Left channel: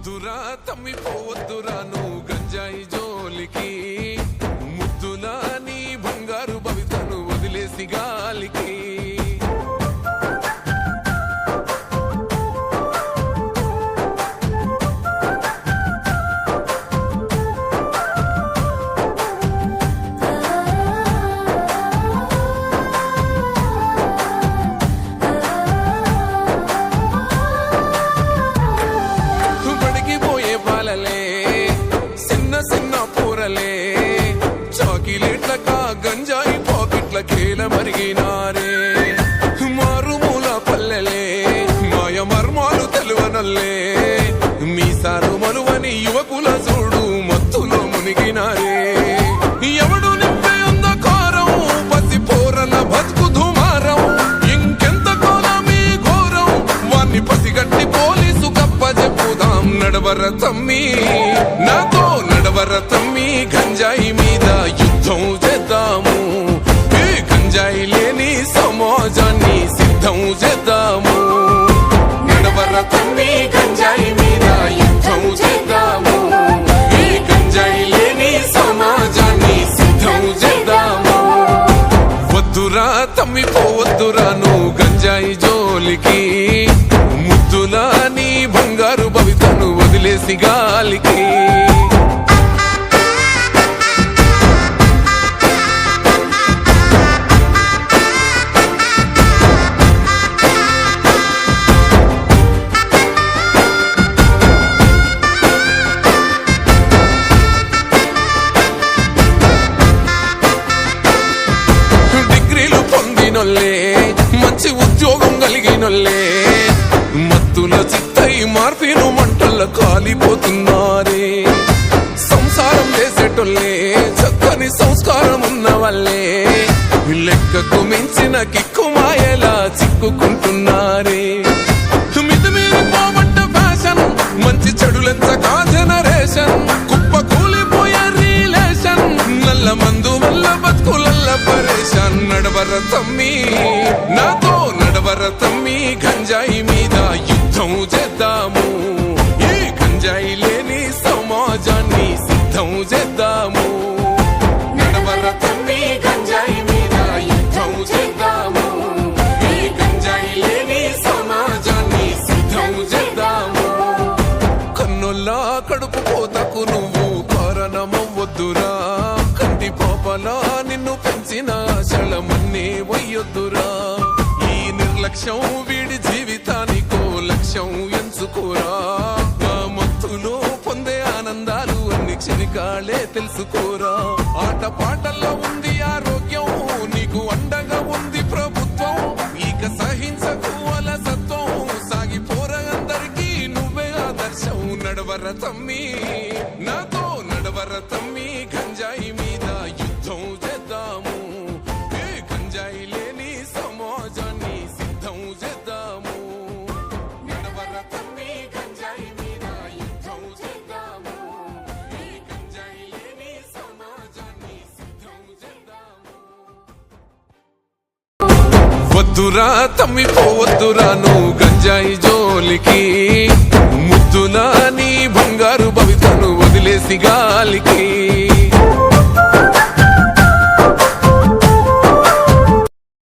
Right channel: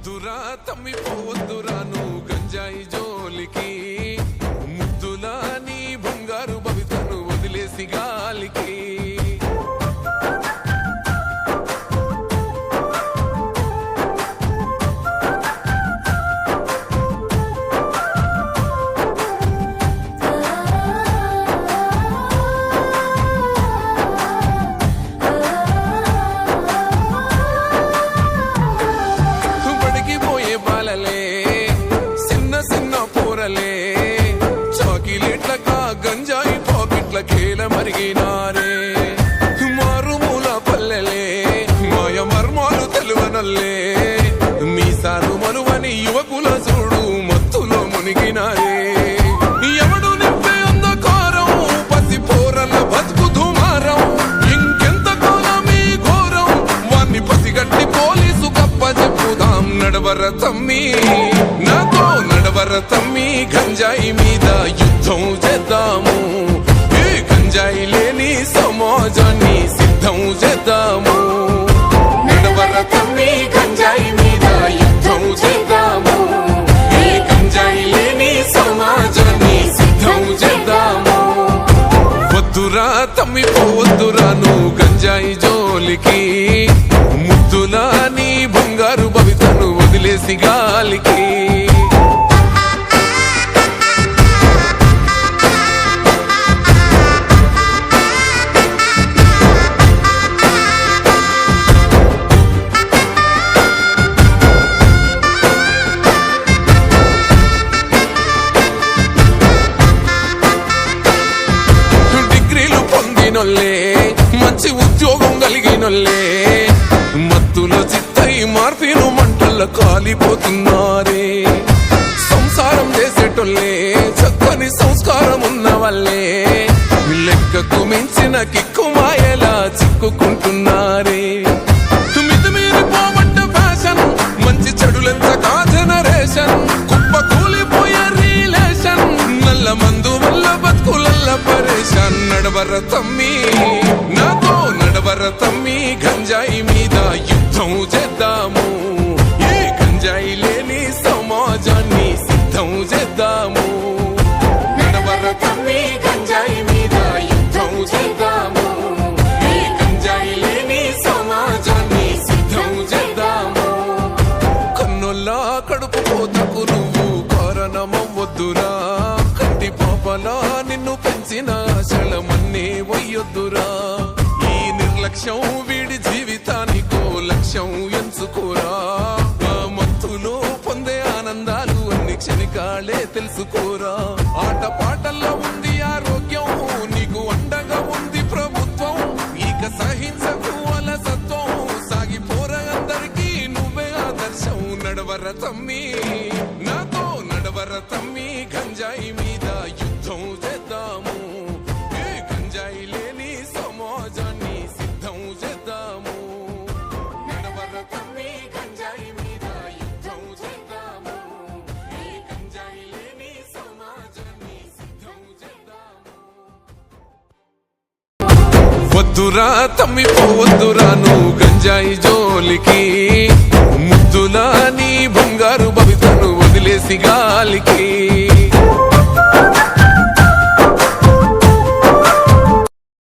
వద్దురా తమ్మి పోవద్దురా నువ్వు గంజాయి జోలికి, ముద్దులా నీ బంగారు భవితను వదిలేసి గాలికి. బాలలే చిన్న చిన్న పూరలే చాకిలేట్లకా గంజాయి పాకెట్ల కేల మరిగినారే. మారుమూల పల్లెలే మాయ మర్మాలు తెలువనల్లే, మీసాలు మలువని యువకుల చూడు మత్తులో మునిగినారే. ఎవడు నింపే అంధకారం పసి పోరల బతుకు దుమారం, ఇంకెంత కాలమీ ఘోరం వాన్ని పసిగట్టి పోలీసు కప్ప చెప్పుదాం. నడవర తమ్మి నాతో నడవర తమ్మి, గంజాయి మీద యుద్ధం చేద్దాము, ఈ గంజాయి లేని సమాజాన్ని సిద్ధం చేద్దాము. నడవర తమ్మి గంజాయి మీద యుద్ధం చేద్దాము, ఈ గంజాయి లేని సమాజాన్ని సిద్ధం చేద్దాము. వద్దురా తమ్మి పోవద్దురా నువ్వు గంజాయి జోలికి, ముద్దులా నీ బంగారు భవితను వదిలేసి గాలికి. డిగ్రీలు పొందినోళ్ళే మంచి ఉద్యోగం కలిగినోళ్ళే, మత్తుల చిత్తై మార్పిను మంటల్లో కాలిపోతున్నారే. సంసారం చేసేటోళ్ళే చక్కని సంస్కారం ఉన్న వాళ్ళే, లెక్కకు మించిన కిక్కు మాయలా చిక్కుకుంటున్నారే. మితిమీరి పోబడ్డ ఫ్యాషన్, మంచి చెడులెంత కా జనరేషన్, కుప్ప కూలిపోయే రిలేషన్, నల్ల మందు వల్ల బతుకులల్ల పరేషాన్. నడవర తమ్మి నాతో నడవర తమ్మి, గంజాయి మీద యుద్ధం చేద్దాము, ఈ గంజాయి లేని సమాజాన్ని సిద్ధం చేద్దాము. నడవర తమ్మి గంజాయి మీద యుద్ధం చేద్దాము, ఈ గంజాయి లేని సమాజాన్ని సిద్ధం చేద్దాము. కన్నుల్లా కడుపు పోతకు నువ్వు కారణమవ్వొద్దురా, కంటి పాపలా నిన్ను పెంచిన ఆశలమన్నీ వయ్యొద్దురా. ఈ నిర్లక్ష్యం వీడి జీవితానికో లక్ష్యం ఎంచుకోరా, మత్తులో పొందే ఆనందాలు అన్ని క్షణికాలే తెలుసుకోరా. ఆట పాటల్లో ఉంది ఆరోగ్యం, నీకు అండగా ఉంది ప్రభుత్వం, ఇక సహించకు అలసత్వం, సాగిపోరా అందరికీ నువ్వే ఆదర్శం. నడవర తమ్మి నాతో నడవర తమ్మి, గంజాయి మీద యుద్ధం చేద్దాము, ఈ గంజాయి లేని సమాజాన్ని సిద్ధం చేద్దాము. నడవర తమ్మి గంజాయి మీద యుద్ధం చేద్దాము, ఈ గంజాయి లేని సమాజాన్ని సిద్ధం చేద్దాము. వద్దురా తమ్మి పోవద్దురా నువ్వు గంజాయి జోలికి, ముద్దులా నీ బంగారు భవితను వదిలేసి గాలికి.